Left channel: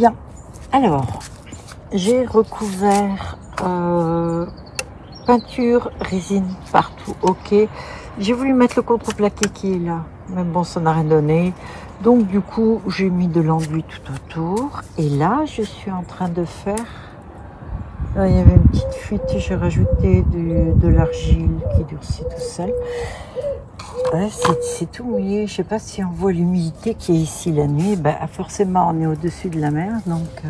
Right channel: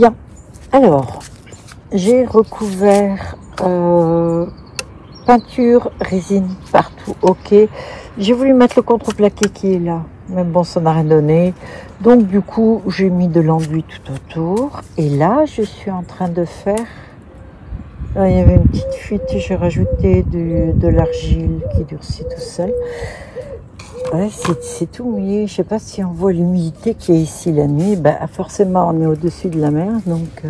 Bien, alors, j'ai recouvert peinture, résine partout, ok. J'ai voulu mettre le contreplaqué qui est là, mais bon, ça n'a rien donné. Donc du coup, j'ai mis de l'enduit tout autour. Et là, je suis en train de faire... Là, il y avait une petite fuite, j'ai rajouté de l'argile qui durcit tout seul. Ouais, c'est tout mouillé. Je sais pas si on voit l'humidité qui est ici la nuit. Ben, forcément, on est au-dessus de la mer. Donc,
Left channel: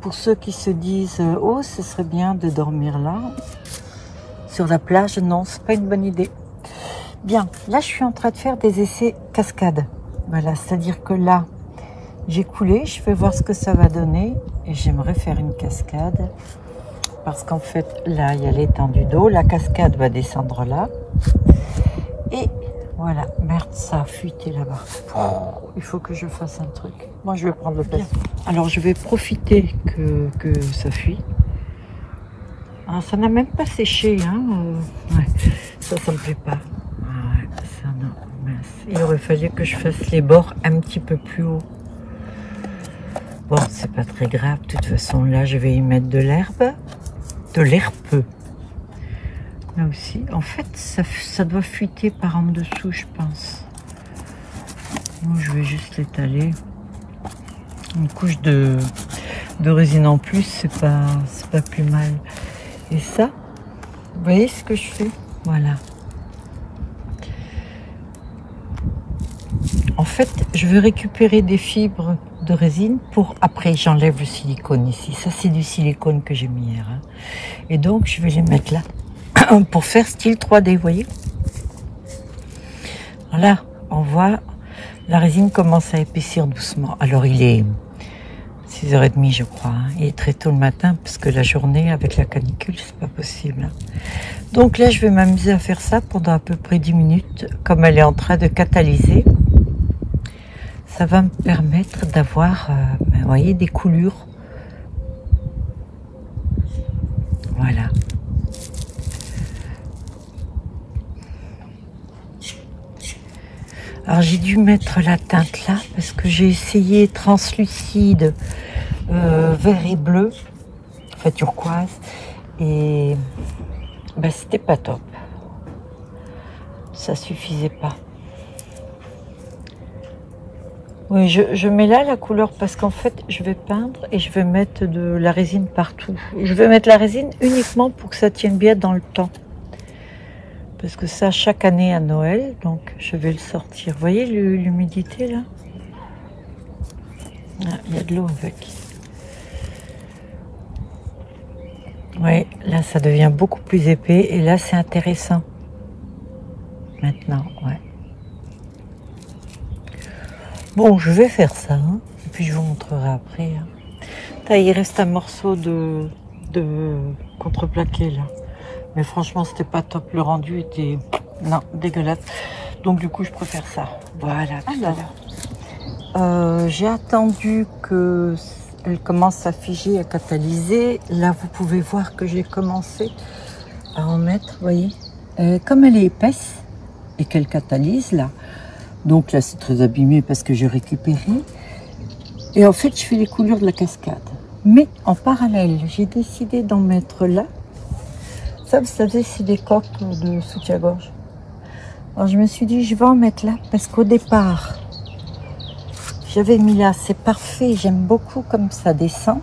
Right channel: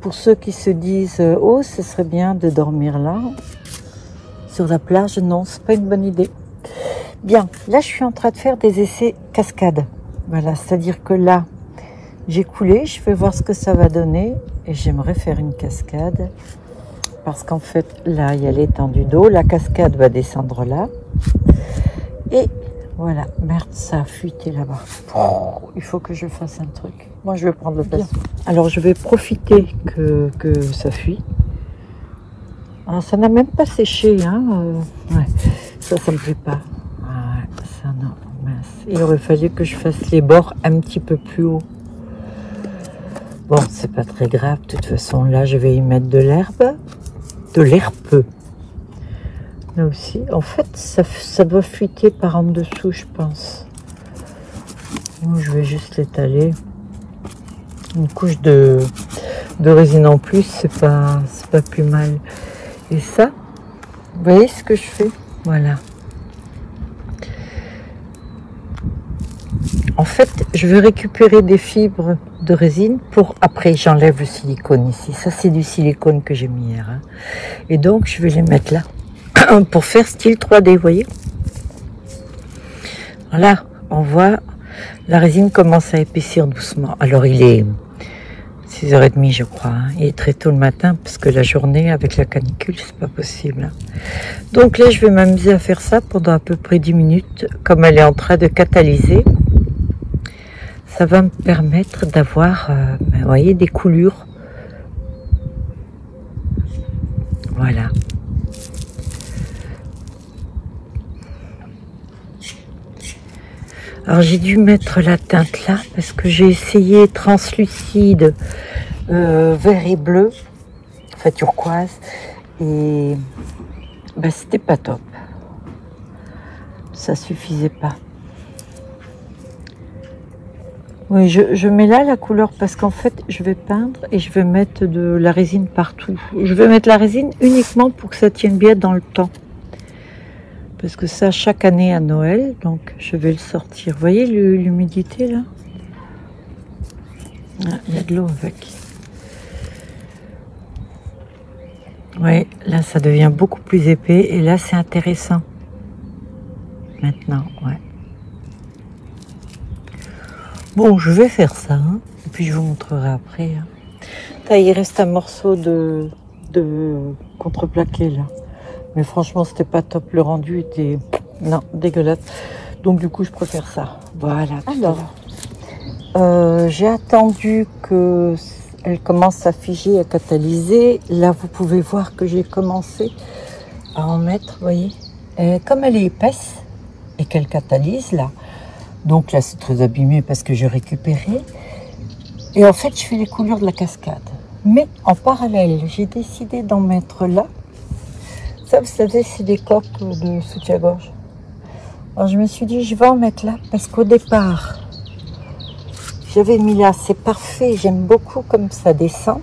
pour ceux qui se disent « Oh, ce serait bien de dormir là », sur la plage, non, c'est pas une bonne idée. Bien, là, je suis en train de faire des essais cascades. Voilà, c'est-à-dire que là, j'ai coulé. Je vais voir ce que ça va donner. Et j'aimerais faire une cascade. Parce qu'en fait, là, il y a l'étendue d'eau. La cascade va descendre là. Et voilà, merde, ça a fuité là-bas. Oh, il faut que je fasse un truc. Moi, je vais prendre le pinceau. Alors, je vais profiter que ça fuit. Alors, ça n'a même pas séché, hein. Ouais, ça me plaît pas. Ouais, ça, non, mince. Il aurait fallu que je fasse les bords un petit peu plus haut. Bon, c'est pas très grave. De toute façon, là, je vais y mettre de l'herbe. De l'herbe. Là aussi, en fait, ça doit fuiter par en dessous, je pense. Ou je vais juste l'étaler. Une couche de résine en plus, c'est pas plus mal. Et ça, vous voyez ce que je fais? Voilà. En fait, je vais récupérer des fibres de résine pour après j'enlève le silicone ici. Ça, c'est du silicone que j'ai mis hier. Hein. Et donc, je vais les mettre là. Pour faire style 3D, vous voyez. Là, on voit la résine commence à épaissir doucement. Alors, il est 6h30, je crois. Hein. Il est très tôt le matin parce que la journée, avec la canicule, c'est pas possible. Hein. Donc là, je vais m'amuser à faire ça pendant à peu près 10 minutes. Comme elle est en train de catalyser, ça va me permettre d'avoir, vous voyez, des coulures. Voilà. Alors j'ai dû mettre la teinte là parce que j'ai essayé translucide, vert et bleu, enfin turquoise, et ben, c'était pas top. Ça suffisait pas. Oui, je mets là la couleur parce qu'en fait je vais peindre et je vais mettre de la résine partout. Je vais mettre la résine uniquement pour que ça tienne bien dans le temps. Parce que ça, chaque année à Noël, donc je vais le sortir. Vous voyez l'humidité là? Ah, il y a de l'eau avec. Oui, là ça devient beaucoup plus épais et là c'est intéressant. Maintenant, ouais. Bon, je vais faire ça, hein, et puis je vous montrerai après. Hein. Là, il reste un morceau de contreplaqué là. Mais franchement, c'était pas top. Le rendu était, non, dégueulasse. Donc du coup, je préfère ça. Voilà. Alors, j'ai attendu que elle commence à figer, à catalyser. Là, vous pouvez voir que j'ai commencé à en mettre. Vous voyez, comme elle est épaisse et qu'elle catalyse là. Donc là, c'est très abîmé parce que j'ai récupéré. Et en fait, je fais les couleurs de la cascade. Mais en parallèle, j'ai décidé d'en mettre là. Ça, vous savez, c'est des coques de soutien-gorge. Alors, je me suis dit, je vais en mettre là, parce qu'au départ, j'avais mis là, c'est parfait, j'aime beaucoup comme ça descend,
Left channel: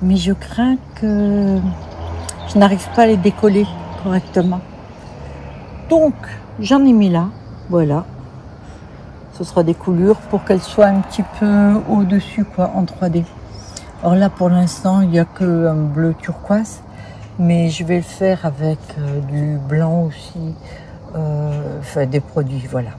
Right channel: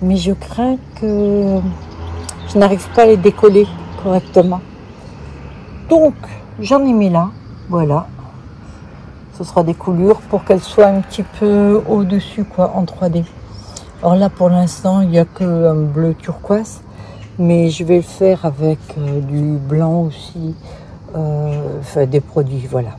mais je crains que je n'arrive pas à les décoller correctement. Donc, j'en ai mis là, voilà. Ce sera des coulures pour qu'elles soient un petit peu au-dessus, quoi, en 3D. Alors là, pour l'instant, il n'y a qu'un bleu turquoise. Mais je vais le faire avec du blanc aussi, enfin des produits, voilà.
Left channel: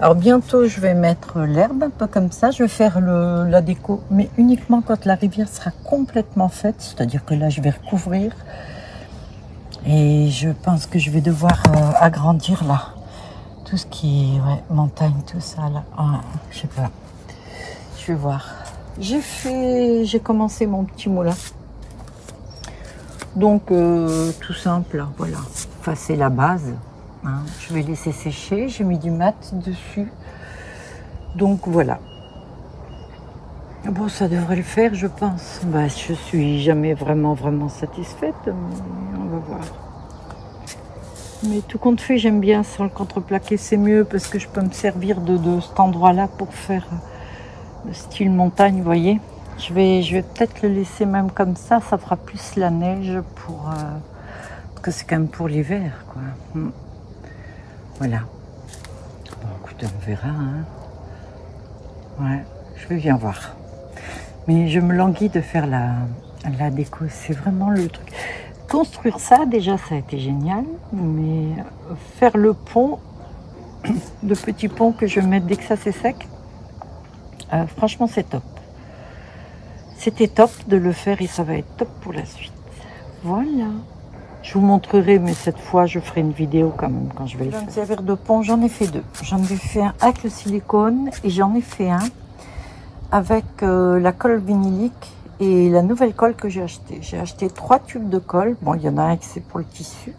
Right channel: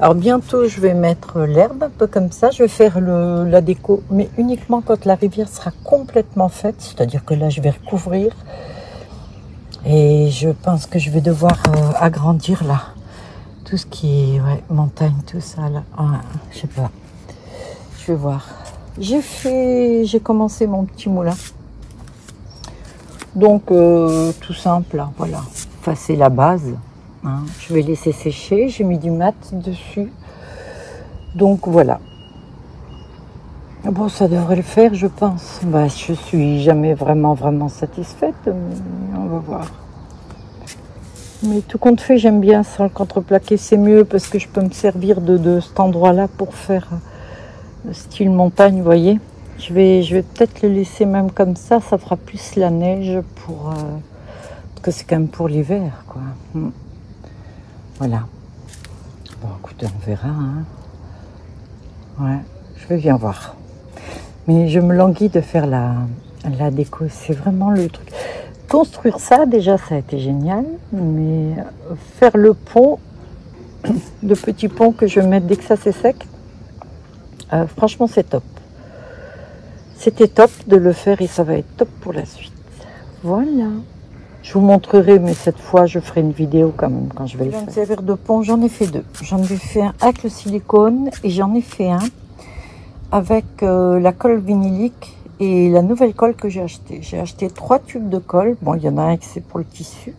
Alors bientôt, je vais mettre l'herbe, un peu comme ça. Je vais faire la déco, mais uniquement quand la rivière sera complètement faite. C'est-à-dire que là, je vais recouvrir. Et je pense que je vais devoir agrandir là. Tout ce qui est ouais, montagne, tout ça là. Ah, je sais pas. Je vais voir. J'ai commencé mon petit moulin. Donc, tout simple, là, voilà. Enfin, c'est la base. Hein. Je vais laisser sécher. J'ai mis du mat dessus. Donc, voilà. Bon, ça devrait le faire, je pense. Bah, je suis jamais vraiment satisfaite, mais on va voir. Mais tout compte fait, j'aime bien sans le contreplaqué, c'est mieux parce que je peux me servir de cet endroit-là pour faire le style montagne, vous voyez. Je vais peut-être le laisser même comme ça fera plus la neige pour... parce que c'est quand même pour l'hiver, quoi. Voilà. Bon, écoutez, on verra, hein. Ouais, je vais bien voir. Mais je me languis de faire la déco, c'est vraiment le truc. Construire ça, déjà, ça a été génial, mais faire le pont, le petit pont que je vais mettre dès que ça c'est sec, franchement, c'est top. C'était top de le faire et ça va être top pour la suite. Voilà. Je vous montrerai, mais cette fois, je ferai une vidéo quand même quand je vais le faire. Me servir de pont, j'en ai fait deux. J'en ai fait un avec le silicone et j'en ai fait un avec la colle vinylique et la nouvelle colle que j'ai achetée. J'ai acheté 3 tubes de colle. Bon, il y en a un qui c'est pour le tissu.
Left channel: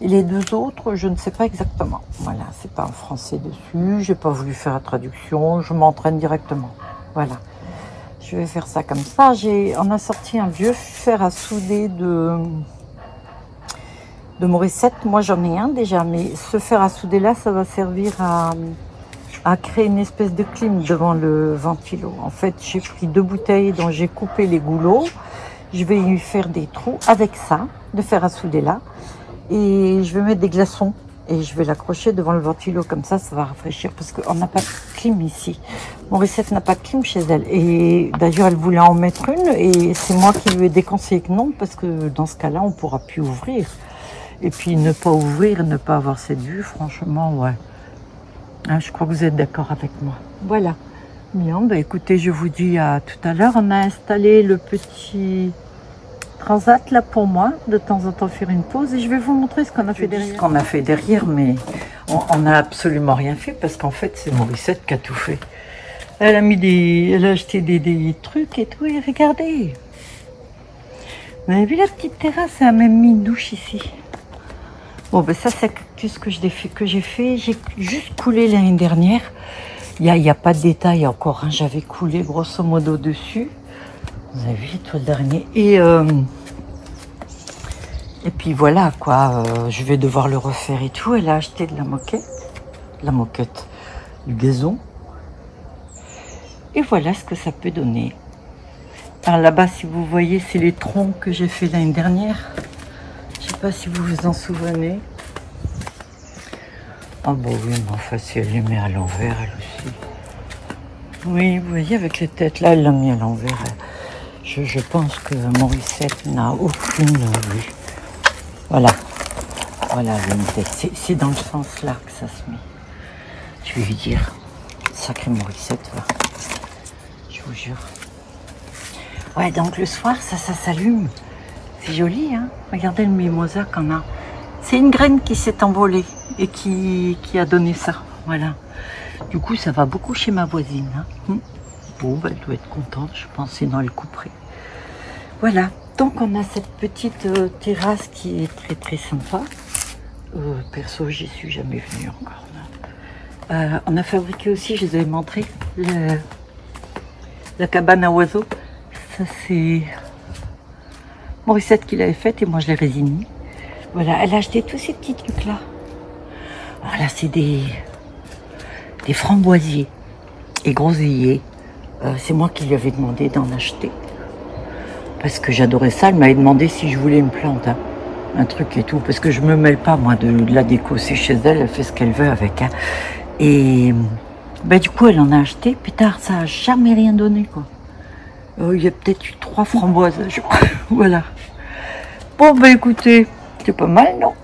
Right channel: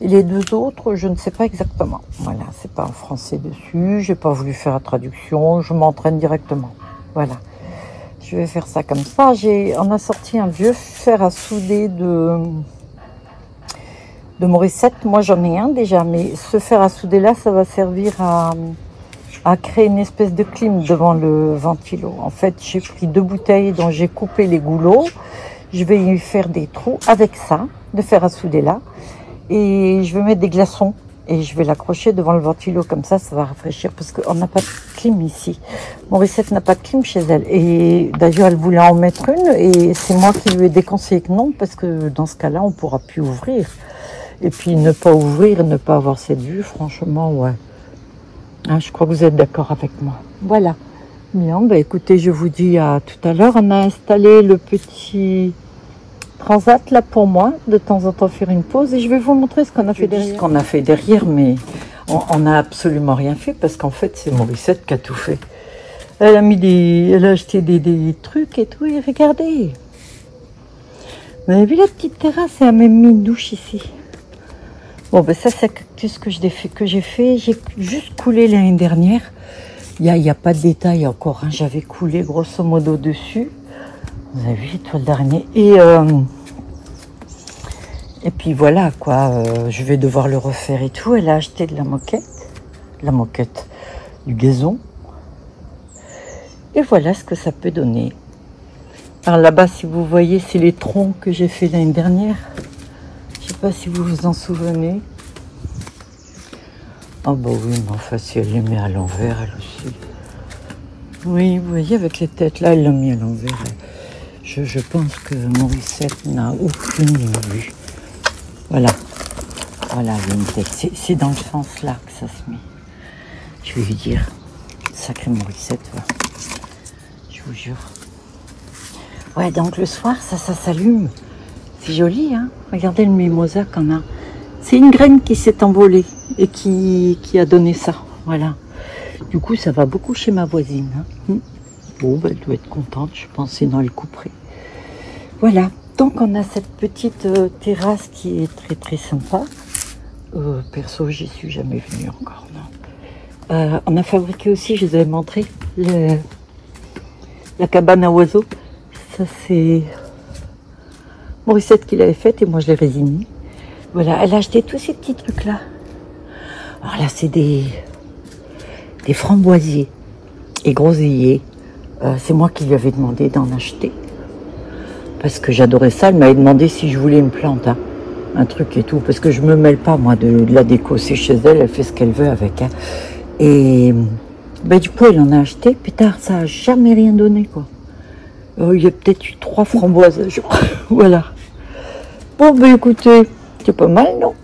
Et les 2 autres, je ne sais pas exactement. Voilà, c'est pas en français dessus. J'ai pas voulu faire la traduction. Je m'entraîne directement. Voilà. Je vais faire ça comme ça. On a sorti un vieux fer à souder de Morissette. Moi, j'en ai un déjà, mais ce fer à souder là, ça va servir à créer une espèce de clim devant le ventilo. En fait, j'ai pris 2 bouteilles dont j'ai coupé les goulots. Je vais y faire des trous avec ça, de fer à souder là. Et je vais mettre des glaçons et je vais l'accrocher devant le ventilo. Comme ça va rafraîchir parce qu'on n'a pas de clim ici. Morissette n'a pas de clim chez elle. Et d'ailleurs, elle voulait en mettre une et c'est moi qui lui ai déconseillé que non parce que dans ce cas-là, on ne pourra plus ouvrir. Et puis ne pas ouvrir, ne pas avoir cette vue, franchement, ouais. Ah, je crois que vous êtes d'accord avec moi. Voilà. Bien, bah écoutez, je vous dis à tout à l'heure. On a installé le petit transat là pour moi, de temps en temps faire une pause. Et je vais vous montrer ce qu'on a fait derrière. Ce qu'on a fait derrière, mais on n'a absolument rien fait parce qu'en fait, c'est Morissette qui a tout fait. Elle a acheté des trucs et tout. Et regardez. Vous avez vu la petite terrasse? Elle a même mis une douche ici. Bon, ben ça, c'est tout ce que j'ai fait. J'ai juste coulé l'année dernière. Il y a pas de détails encore. Hein. J'avais coulé grosso modo dessus. Vous avez vu, toile d'araignée. Et puis voilà, quoi. Je vais devoir le refaire et tout. Elle a acheté de la moquette. Du gazon. Et voilà ce que ça peut donner. Alors là-bas, si vous voyez, c'est les troncs que j'ai fait l'année dernière. Je sais pas si vous vous en souvenez. Ah bah oui, mais enfin, si elle les met à l'envers, elle aussi. Oui, vous voyez, avec les têtes, là, elle l'a mis à l'envers. Je pense que Morissette n'a aucune vue. Voilà. Voilà, une tête. C'est dans le sens là que ça se met. Je vais lui dire. Sacrée Morissette, va. Je vous jure. Ouais, donc le soir, ça s'allume. C'est joli, hein. Regardez le mimosa qu'on a. C'est une graine qui s'est envolée et qui a donné ça. Voilà. Du coup, ça va beaucoup chez ma voisine. Hein. Bon, ben, elle doit être contente, je pense, sinon elle couperait. Voilà. Donc, on a cette petite terrasse qui est très sympa. Perso, j'y suis jamais venue encore. On a fabriqué aussi, je vous avais montré, la cabane à oiseaux. Ça, c'est Morissette qui l'avait faite et moi, je l'ai résignée. Voilà, elle a acheté tous ces petits trucs-là. Alors là, c'est des framboisiers et groseilliers. C'est moi qui lui avais demandé d'en acheter. Parce que j'adorais ça. Elle m'avait demandé si je voulais une plante. Hein, un truc et tout. Parce que je me mêle pas, moi, de la déco. C'est chez elle. Elle fait ce qu'elle veut avec. Hein. Et ben, du coup, elle en a acheté. Puis tard, ça n'a jamais rien donné, quoi. Il y a peut-être eu 3 framboises. Voilà. Bon, ben écoutez, c'est pas mal, non?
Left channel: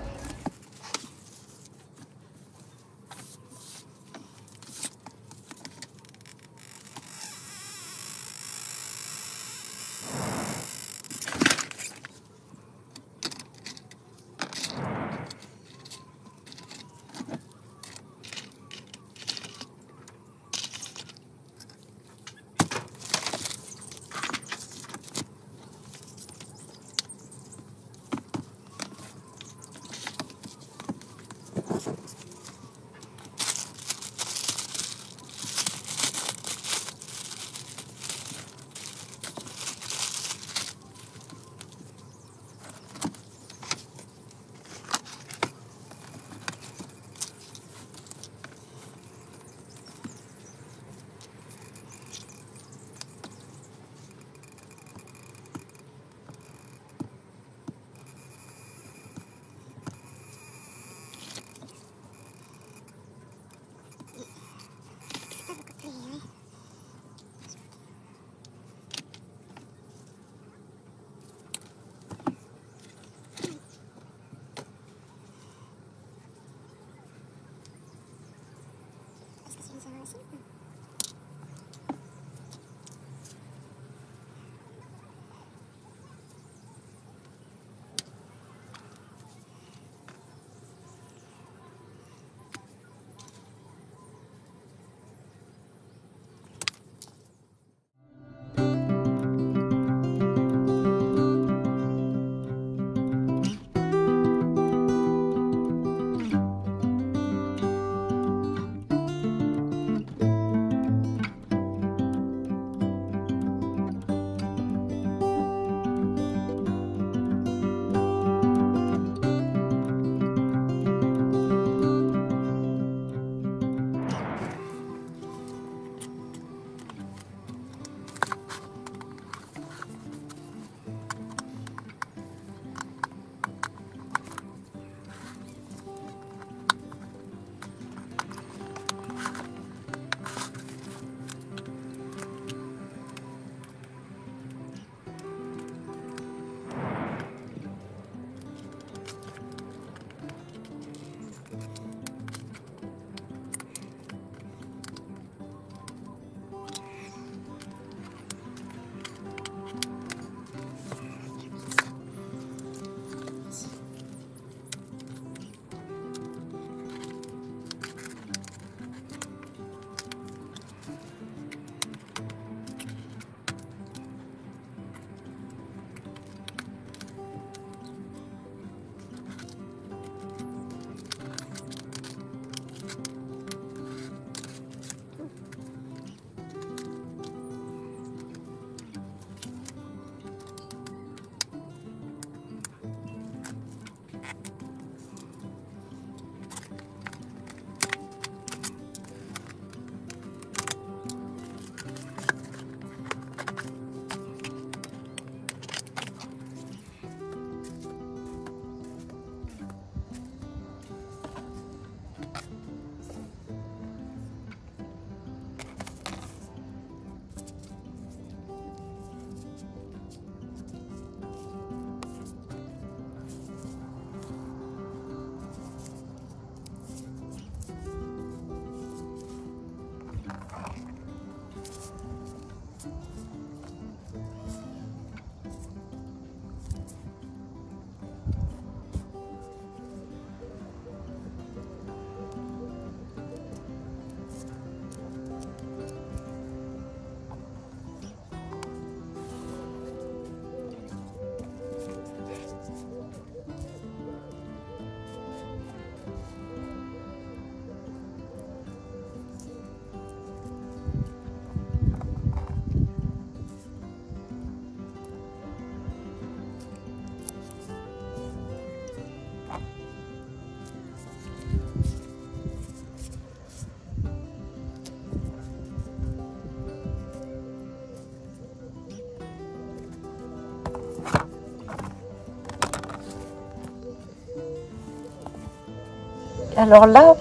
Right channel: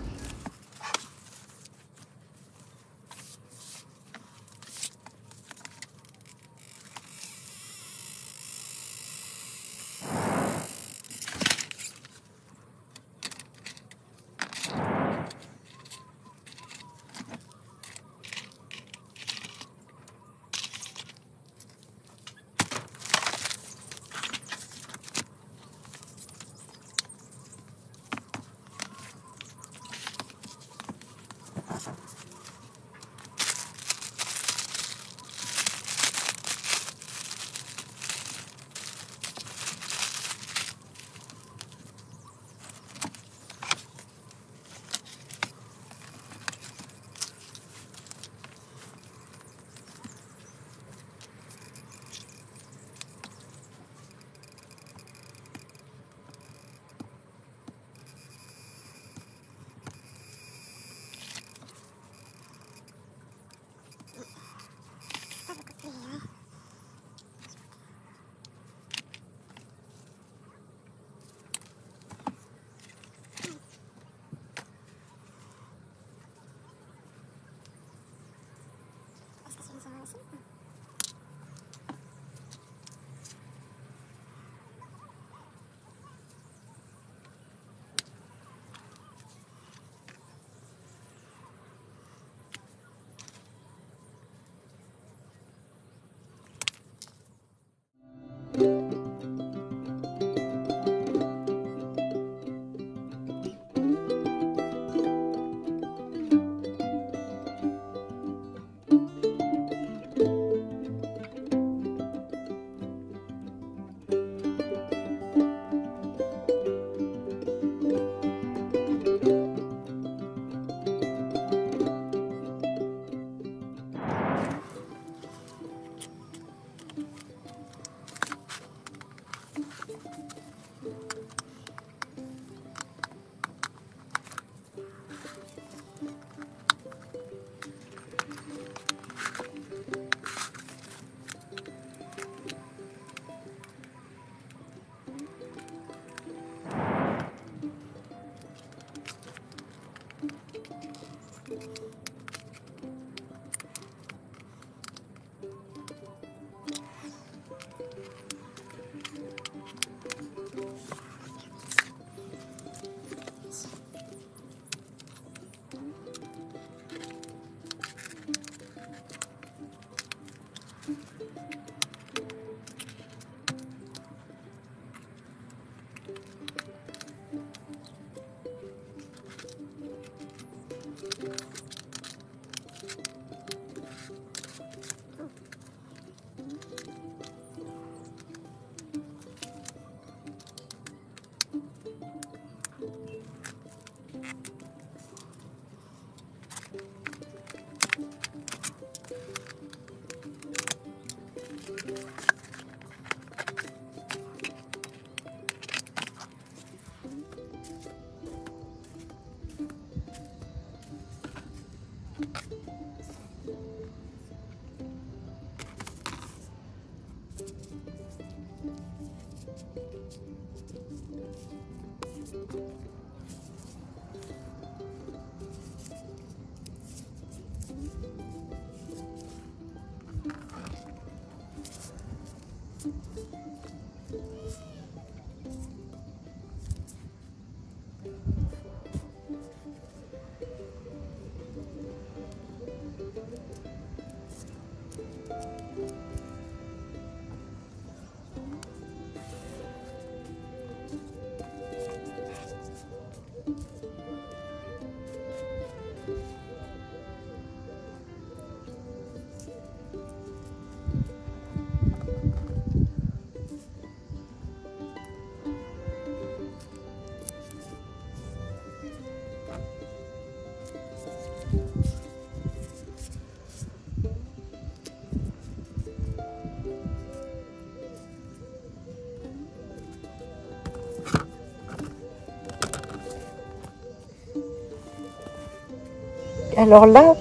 Alors là,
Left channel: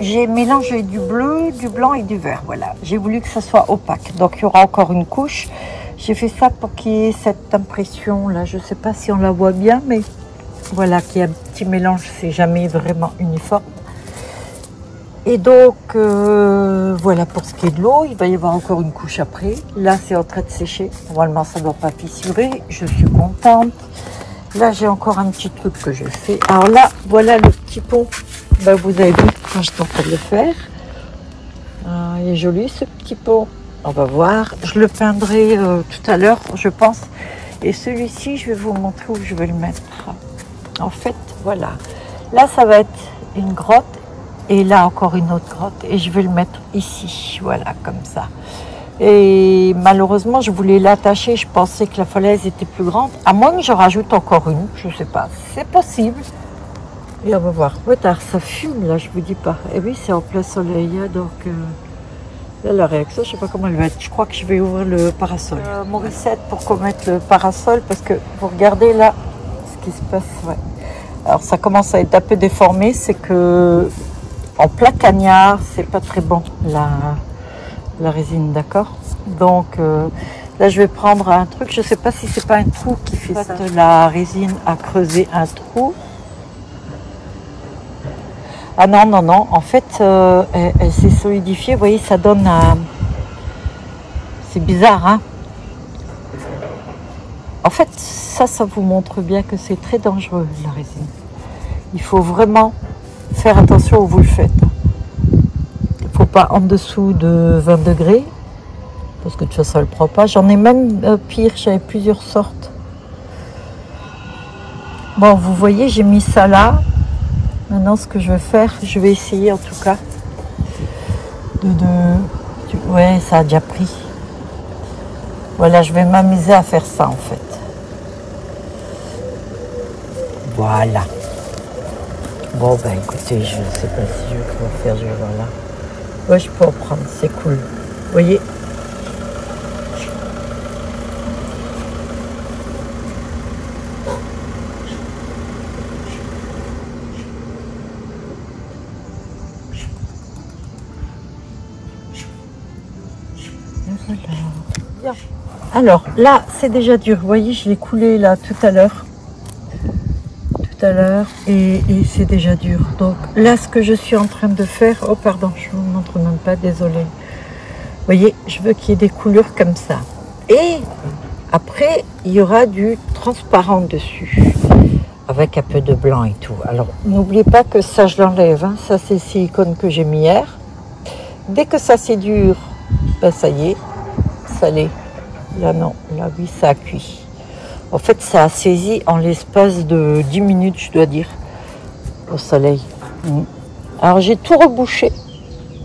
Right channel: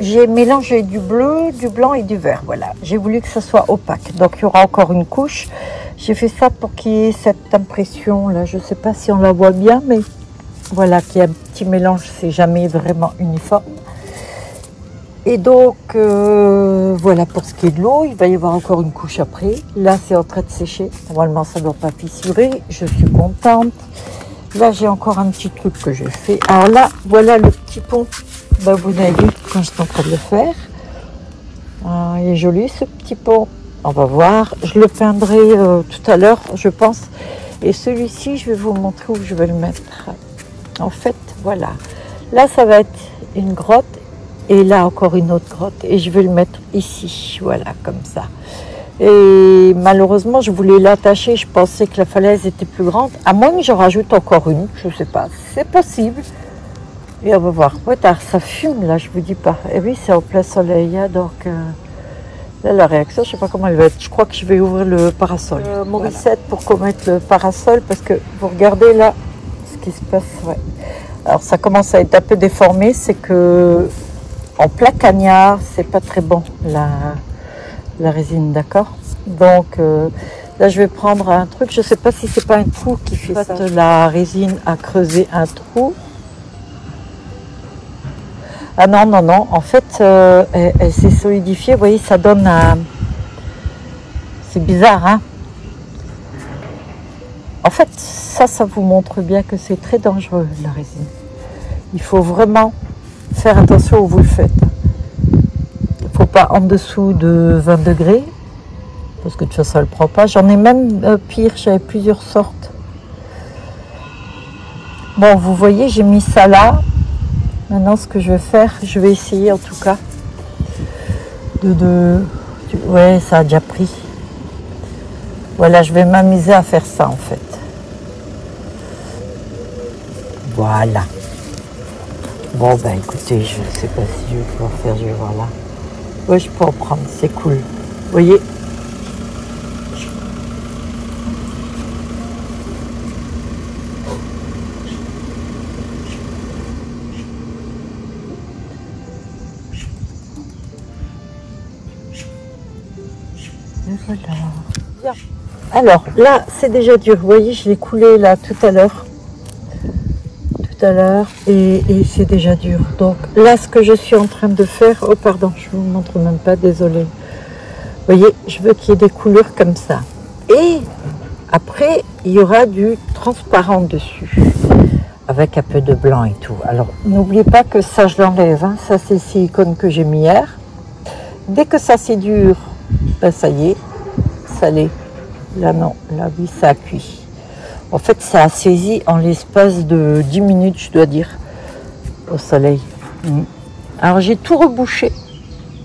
j'ai mélangé du bleu, du blanc et du vert. Voilà, j'ai voulu que ça soit opaque. Donc il y aura encore une couche. J'ai fait ça pour qu'il y ait cette impression là. Je ne sais pas si on la voit bien, mais voilà, qu'il y a un petit mélange. C'est jamais vraiment uniforme. Et donc voilà pour ce qui est de l'eau. Il va y avoir encore une couche après. Là, c'est en train de sécher. Normalement, ça ne doit pas fissurer. Je suis contente. Là, j'ai encore un petit truc que j'ai fait. Alors là, voilà le petit pont. Ben, vous avez vu quand j'étais en train de le faire. Il est joli ce petit pont. On va voir. Je le peindrai tout à l'heure, je pense. Et celui-ci, je vais vous montrer où je vais le mettre. En fait, voilà. Là, ça va être une grotte. Et là, encore une autre grotte. Et je vais le mettre ici. Voilà, comme ça. Et malheureusement, je voulais l'attacher. Je pensais que la falaise était plus grande. À moins que je rajoute encore une. Je ne sais pas. C'est possible. Et on va voir. Tard, ça fume là, je vous dis pas. Et oui, c'est en plein soleil. Hein, donc, là, la réaction, je ne sais pas comment elle va être. Je crois que je vais ouvrir le parasol. Morissette pour qu'on mette le parasol. Parce que vous regardez là ce qui se passe. Ouais. Alors, ça commence à être un peu déformé. C'est que en plein cagnard, c'est pas très bon la résine, d'accord? Donc là, je vais prendre un truc. Je sais pas si c'est pas un trou qui fait ça. La résine a creusé un trou. Ah non, non, non. En fait, elle s'est solidifiée. Vous voyez, ça donne un... C'est bizarre, hein? En fait, ça vous montre bien que c'est très dangereux, la résine. Il faut vraiment faire attention où vous le faites. Il ne faut pas en dessous de 20 degrés. Parce que de toute façon, elle ne prend pas. J'en ai même pire. J'avais plusieurs sortes. Bon, vous voyez, j'ai mis ça là. Maintenant, ce que je vais faire, je vais essayer en tout cas ouais, ça a déjà pris. Voilà, je vais m'amuser à faire ça en fait. Voilà. Bon, ben écoutez, je ne sais pas si je vais pouvoir faire, je vais voir là. Oui, je peux en prendre, c'est cool. Vous voyez? Voilà. Bien. Alors là, c'est déjà dur. Vous voyez, je l'ai coulé là tout à l'heure. Et c'est déjà dur. Donc là, ce que je suis en train de faire... Oh, pardon, je ne vous montre même pas, désolée. Vous voyez, je veux qu'il y ait des couleurs comme ça. Et après, il y aura du transparent dessus. Avec un peu de blanc et tout. Alors, n'oubliez pas que ça, je l'enlève. Hein. Ça, c'est le silicone que j'ai mis hier. Dès que ça, c'est dur, ben, ça y est, ça l'est. Là, non. Là, oui, ça a cuit. En fait, ça a saisi en l'espace de 10 minutes, je dois dire, au soleil. Alors, j'ai tout rebouché,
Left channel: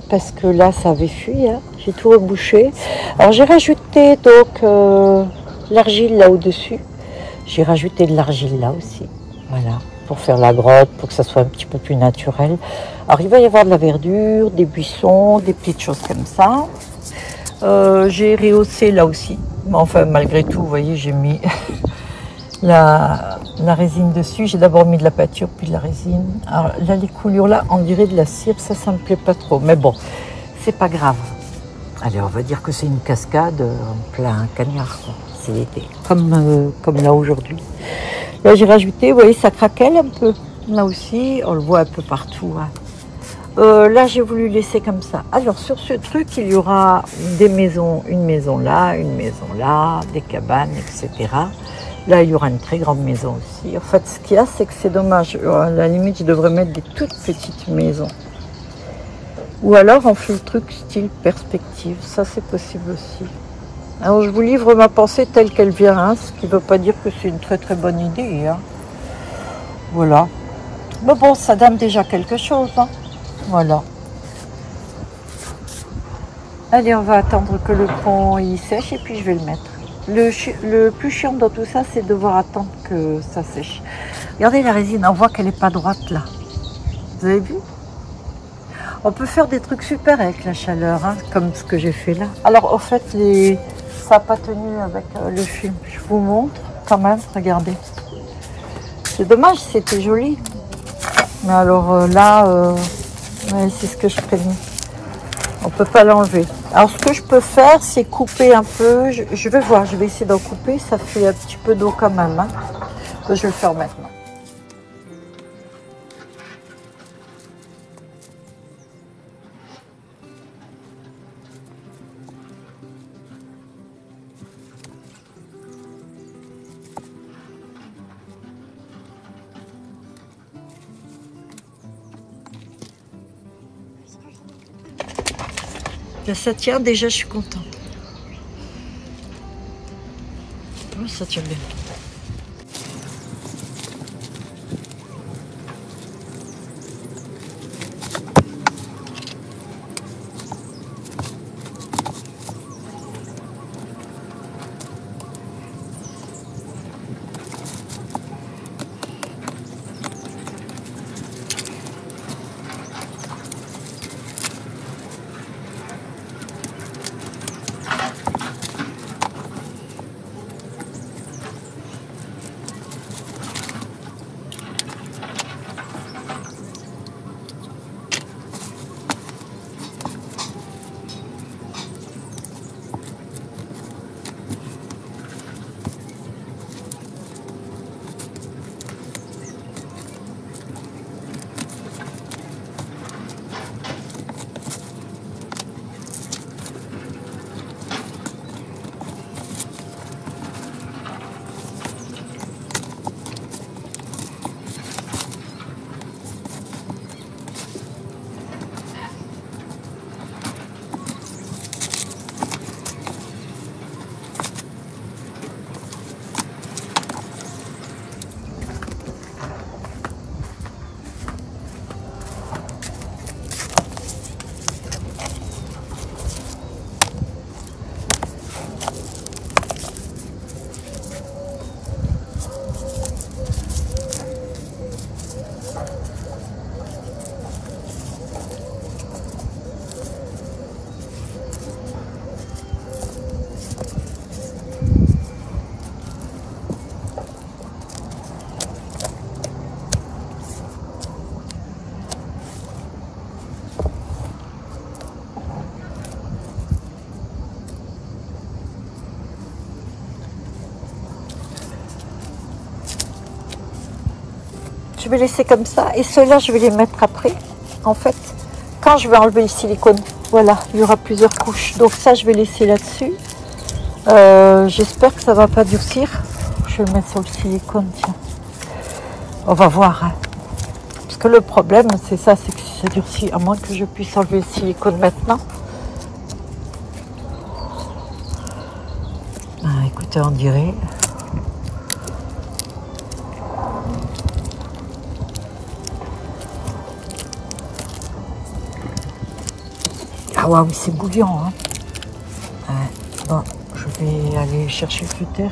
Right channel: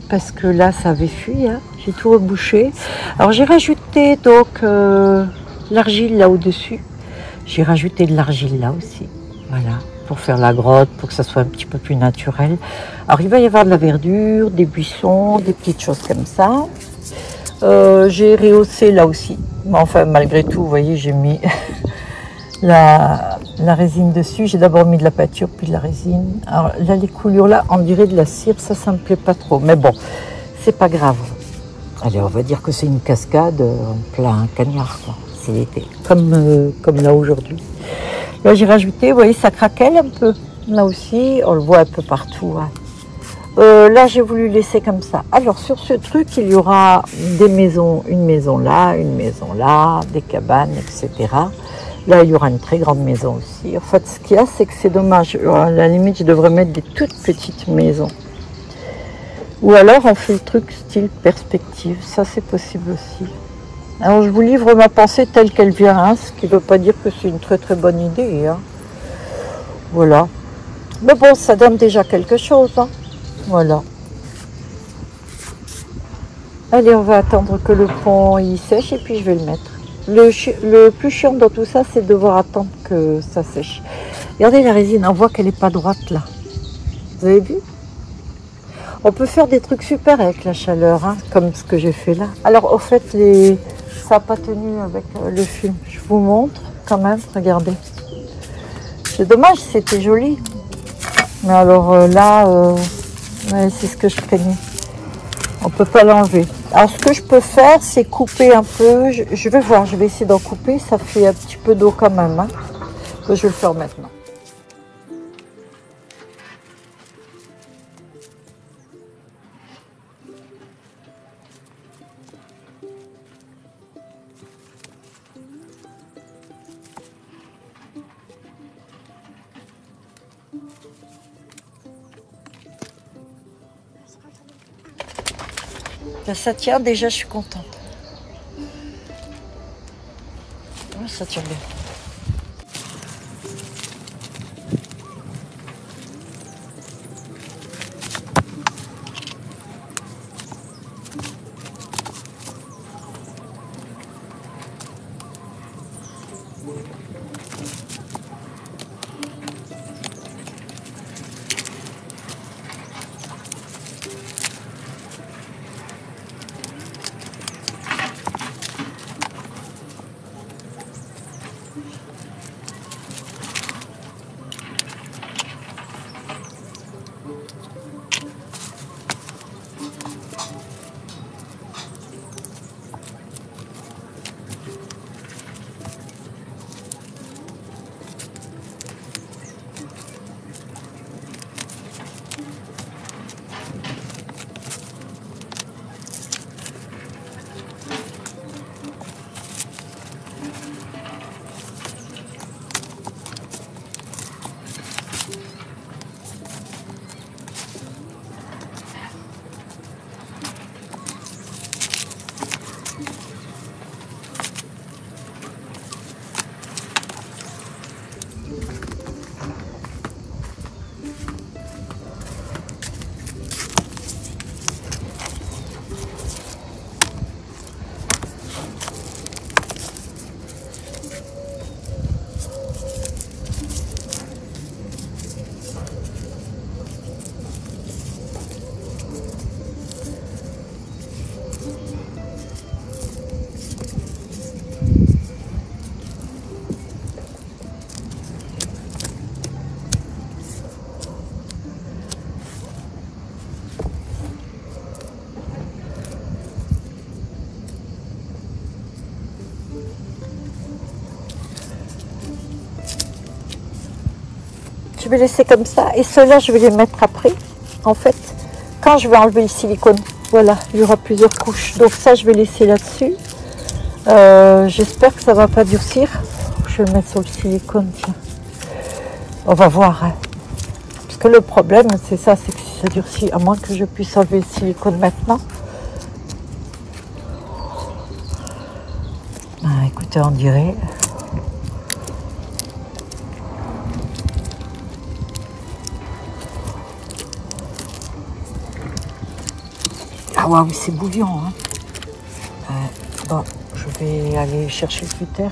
parce que là, ça avait fui. Hein. J'ai tout rebouché. Alors, j'ai rajouté donc l'argile là au-dessus. J'ai rajouté de l'argile là aussi. Voilà, pour faire la grotte, pour que ça soit un petit peu plus naturel. Alors, il va y avoir de la verdure, des buissons, des petites choses comme ça. J'ai rehaussé là aussi. Mais enfin, malgré tout, vous voyez, j'ai mis... la résine dessus. J'ai d'abord mis de la peinture puis de la résine. Alors là, les coulures là, on dirait de la cire, ça me plaît pas trop, mais bon, c'est pas grave. Allez, on va dire que c'est une cascade en plein cagnard, quoi. C'est l'été, comme là aujourd'hui. Là, j'ai rajouté, vous voyez, ça craquelle un peu. Là aussi, on le voit un peu partout, hein. Là, j'ai voulu laisser comme ça. Alors, sur ce truc, il y aura des maisons, une maison là, des cabanes, etc. Là, il y aura une très grande maison aussi. En fait, ce qu'il y a, c'est que c'est dommage. À la limite, je devrais mettre des toutes petites maisons. Ou alors, on fait le truc style perspective. Ça, c'est possible aussi. Alors, je vous livre ma pensée telle qu'elle vient, hein, ce qui ne veut pas dire que c'est une très très bonne idée. Hein. Voilà. Mais bon, ça donne déjà quelque chose. Hein. Voilà. Allez, on va attendre que le pont il sèche et puis je vais le mettre. Le plus chiant dans tout ça, c'est de devoir attendre que ça sèche. Regardez la résine, on voit qu'elle n'est pas droite là. Vous avez vu? On peut faire des trucs super avec la chaleur, hein, comme ce que j'ai fait là. Alors, au fait, ça n'a pas tenu avec le film. Je vous montre quand même, regardez. C'est dommage, c'était joli. Mais alors là, ouais, c'est ce que je craignais. On peut pas l'enlever. Alors ce que je peux faire, c'est couper un peu. Je vais voir, je vais essayer d'en couper. Ça fait un petit peu d'eau quand même. Hein, que je vais le faire maintenant. Ça tient déjà, je suis contente. Oh, ça tient bien. Je vais laisser comme ça et ceux-là je vais les mettre après en fait quand je vais enlever le silicone. Voilà, il y aura plusieurs couches, donc ça je vais laisser là-dessus. J'espère que ça va pas durcir. Je vais mettre sur le silicone, tiens, on va voir hein. Parce que le problème c'est ça, c'est que si ça durcit, à moins que je puisse enlever le silicone maintenant. Ah, écoutez, on dirait ah ouais, oui, c'est bouillant. Hein. Bon, je vais aller chercher le cutter.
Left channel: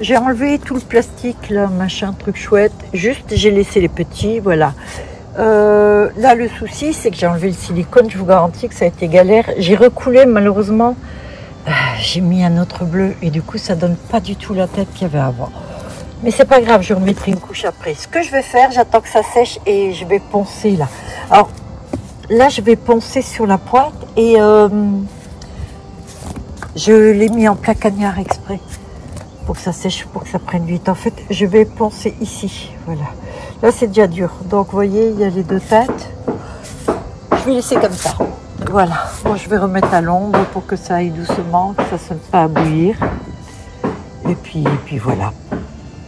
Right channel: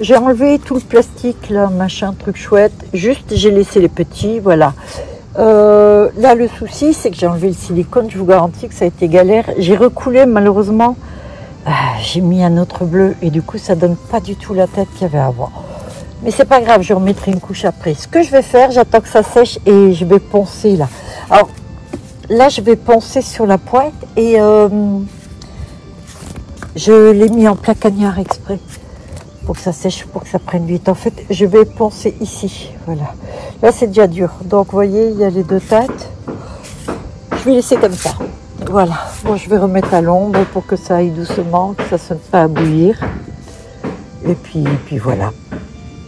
J'ai enlevé tout le plastique, là, machin, truc chouette. Juste, j'ai laissé les petits, voilà. Là, le souci, c'est que j'ai enlevé le silicone. Je vous garantis que ça a été galère. J'ai recoulé, malheureusement. J'ai mis un autre bleu et du coup, ça donne pas du tout la tête qu'il y avait avant. Mais c'est pas grave, je remettrai une couche après. Ce que je vais faire, j'attends que ça sèche et je vais poncer là. Alors, là, je vais poncer sur la pointe et je l'ai mis en plein cagnard exprès pour que ça sèche, pour que ça prenne vite. En fait, je vais poncer ici, voilà. Là, c'est déjà dur. Donc, vous voyez, il y a les deux têtes. Je vais laisser comme ça. Voilà. Bon, je vais remettre à l'ombre pour que ça aille doucement, que ça ne sonne pas à bouillir. Et puis voilà.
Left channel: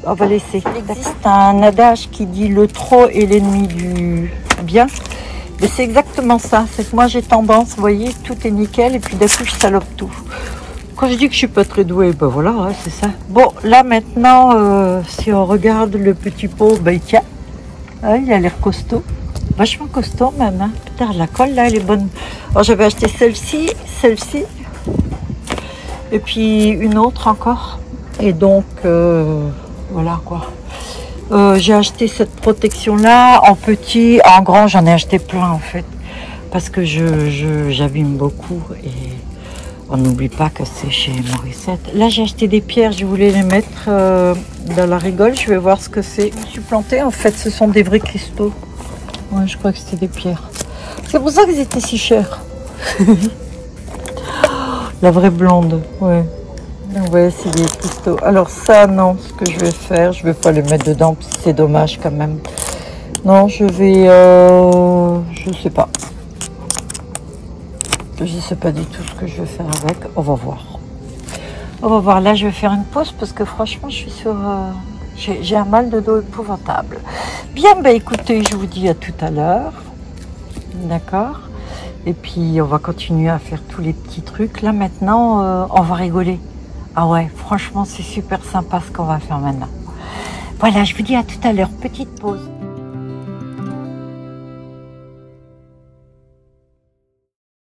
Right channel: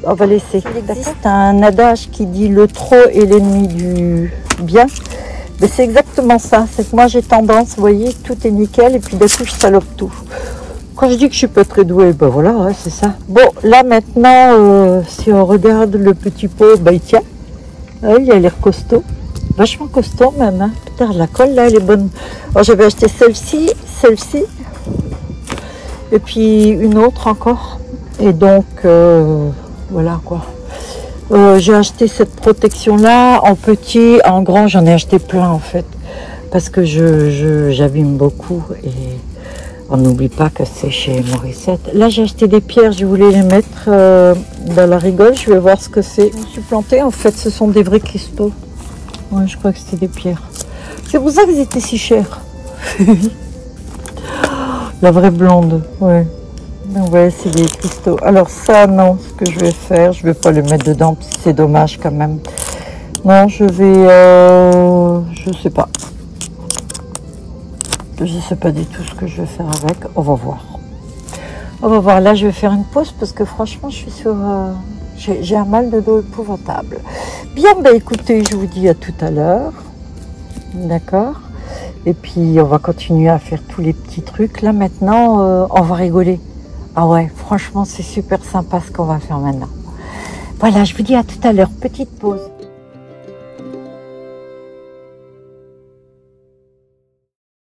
On va laisser. Il existe un adage qui dit le trop est l'ennemi du bien. Mais c'est exactement ça, c'est que moi j'ai tendance, vous voyez, tout est nickel et puis d'un coup je salope tout. Quand je dis que je suis pas très douée, ben voilà, ouais, c'est ça. Bon, là maintenant, si on regarde le petit pot, ben il tient. Ouais, il a l'air costaud, vachement costaud même. Hein. Putain, la colle là, elle est bonne. Alors j'avais acheté celle-ci, et puis une autre encore. Et donc, voilà quoi. J'ai acheté cette protection là en petit, en grand j'en ai acheté plein en fait parce que j'abîme beaucoup et On n'oublie pas que c'est chez Morissette. Là, j'ai acheté des pierres. Je voulais les mettre dans la rigole. Je vais voir ce que c'est. Je me suis plantée. En fait, ce sont des vrais cristaux. Ouais, je crois que c'était des pierres. C'est pour ça qu'ils étaient si chers. La vraie blonde, ouais. Ouais, c'est des cristaux. Alors ça, non, ce que je vais faire, je vais pas les mettre dedans, parce que c'est dommage quand même. Non, je vais... je sais pas. Je sais pas du tout ce que je vais faire avec. On va voir. On va voir. Là, je vais faire une pause, parce que franchement, je suis sur... j'ai un mal de dos épouvantable. Bien, ben écoutez, je vous dis à tout à l'heure. D'accord? Et puis, on va continuer à faire tous les petits trucs. Là, maintenant, on va rigoler. Ah ouais, franchement, c'est super sympa ce qu'on va faire maintenant. Voilà, je vous dis à tout à l'heure. Petite pause.